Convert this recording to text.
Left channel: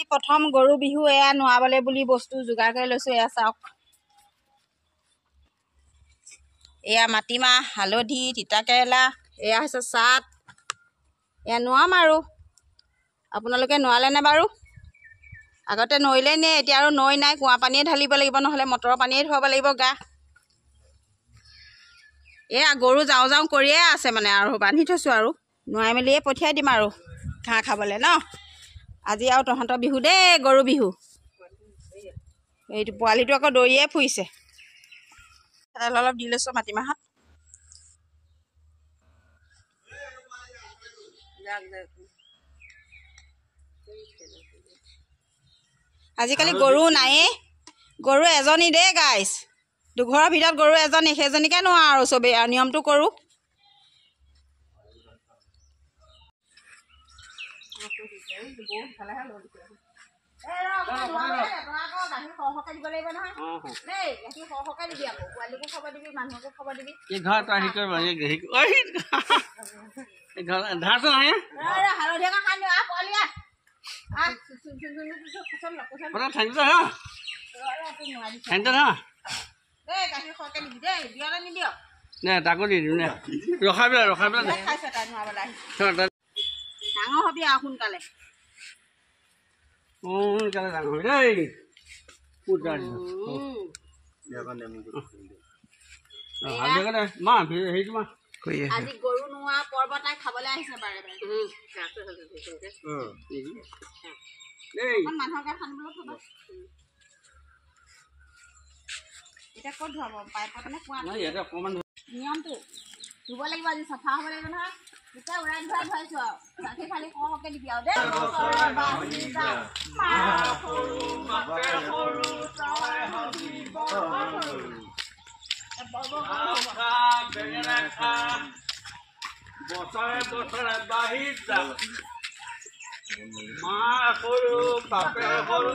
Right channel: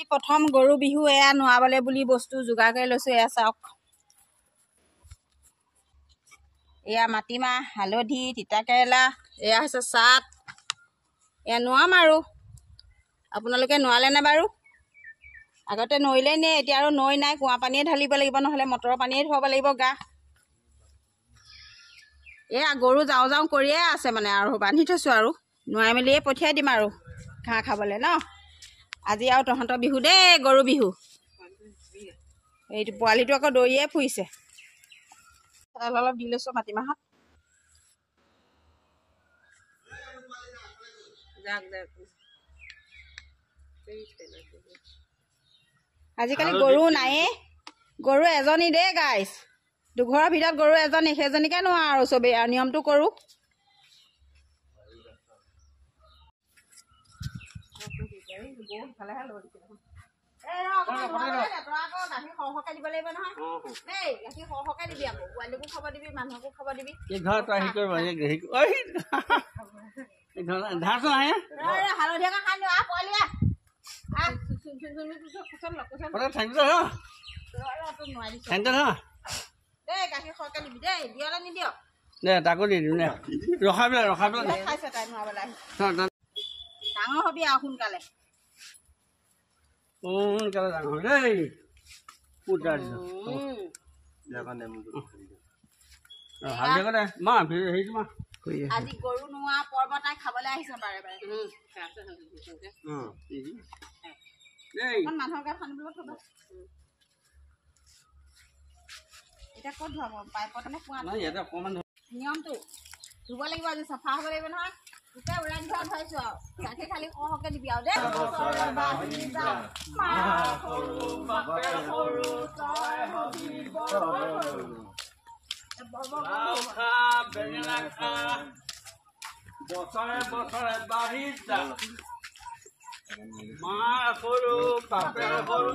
আজি প্ৰথম গৰু বিহু এয়া নোৱাবলে বুলি বস্তু যোগাৰ কৰি লৈছো এয়া চাওক এয়া মাটিমাহ হালধি তিতাকেৰেলা এয়া হৈছে চাট এয়া নোৱাম আৰু আপোনালোকে নোৱালে নে বাৰু আগতে নইলে নে এতিয়া আৰু নৈ নাই কুঁৱা পানীয়ে ঢালিব লাগিব নহ'লে মটৰৰ পানীয়ে ধুৱাব লাগিব গা এয়া গৰু যাওঁ যাওঁ কৰিয়ে আছে মানে আৰু বান্ধি থৈছোঁ আৰু নোৱাই মেলিয়ে পঠিয়াই দিম আৰু ঘাঁহ খাবলৈ ন আজি আৰু তহঁতৰ বিহু দেই গৰু বিহু এইটো পোৱালিটো আকৌ দৌৰিয়ে ফুৰিছে অলপ দি লৈছোঁ মাটিমাহত আজিকালি গৰু নায়ে গৰু এজনী দেই গাইছ দুঘৰৰ ভিতৰত গৰু এজনী সেইজনীকে নোৱা আৰু চবেই আৰু নিয়মটো কৰোঁ তাকো দি দিওঁ ৰখাই পেলাই ডাঙৰ হবি আৰু সোনকালে সোনকালে ডাঙৰ হয় দেই আজি গৰু নোৱা পৰ্ব তাই খাবলৈ আহিছে বাৰে বাৰে মানুহৰ গাত সানিবলৈ থব এতিয়া ক'ত ধুৱাব পাইপত নে কুঁৱাত নিয়মটো ধুব লাগিব আজি চাফা হ'ব লাগিব নহয় গোটেই উৰাই ধুৱাই ধুৱাইছো আৰু চাকি খালি সৰহকে দিবি আৰু দেই বছৰে বছৰে বাঢ়ি যাম মা সৰু বাপে সৰু